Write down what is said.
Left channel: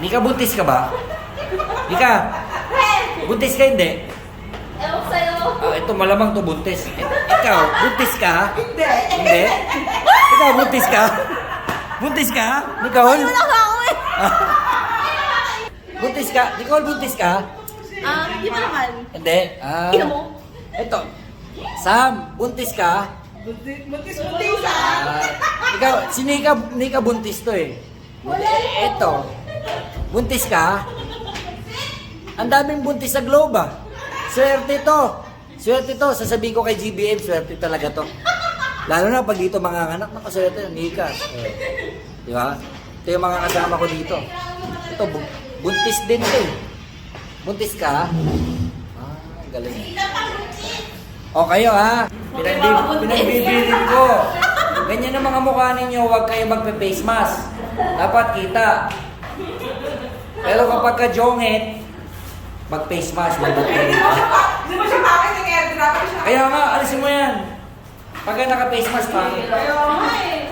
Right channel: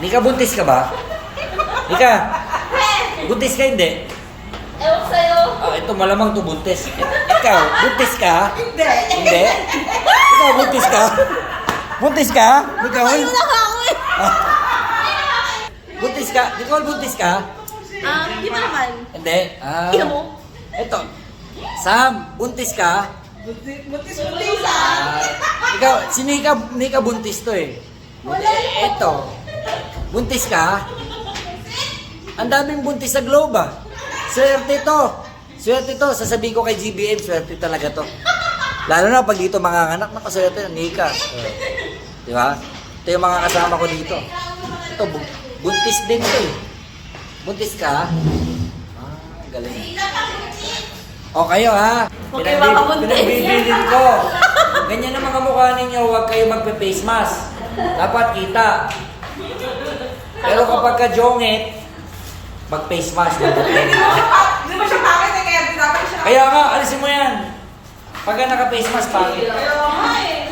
Nika, buntis ka ba? Nika, buntis ka hindi? Ewan sa'yo. Ito malamang to buntis. Ikaw, buntis ka? Hindi. Hindi? Ikaw, buntis ka? Buntis ka? Nicole? Wala ka ako eh. Buntis ka? Nicole, buntis ka? Di ba naman? Hindi. Ina mo? Ito. Sam, buntis ka? Buntis-buntisan. Ikaw, si Nika buntis to eh. Ito. Buntis ka? Ang daming buntis sa globe ah. Swerte to. Swerte to. Sasabihin ko kay GBM, swerte talaga to. Lalo na pag dito mga anak, nakaswerte ng Nika. Di ba? Ito yung mga kasama ko dito. Ito, buntis din to eh. Buntis ka? Galing. O kayo ha, pinagbibilin ko. Ganyan ang mga mukha ninyo, huwag kayo magpe-face mask. Dapat kita. Pero kapag ka-jongit, mag-face mask, mandatory. Hindi mo siya pangit na kaya dapat siya. Kaya nga, alisin mo yan. Pagka naka-face mask, pangit. Ayaw nga eh.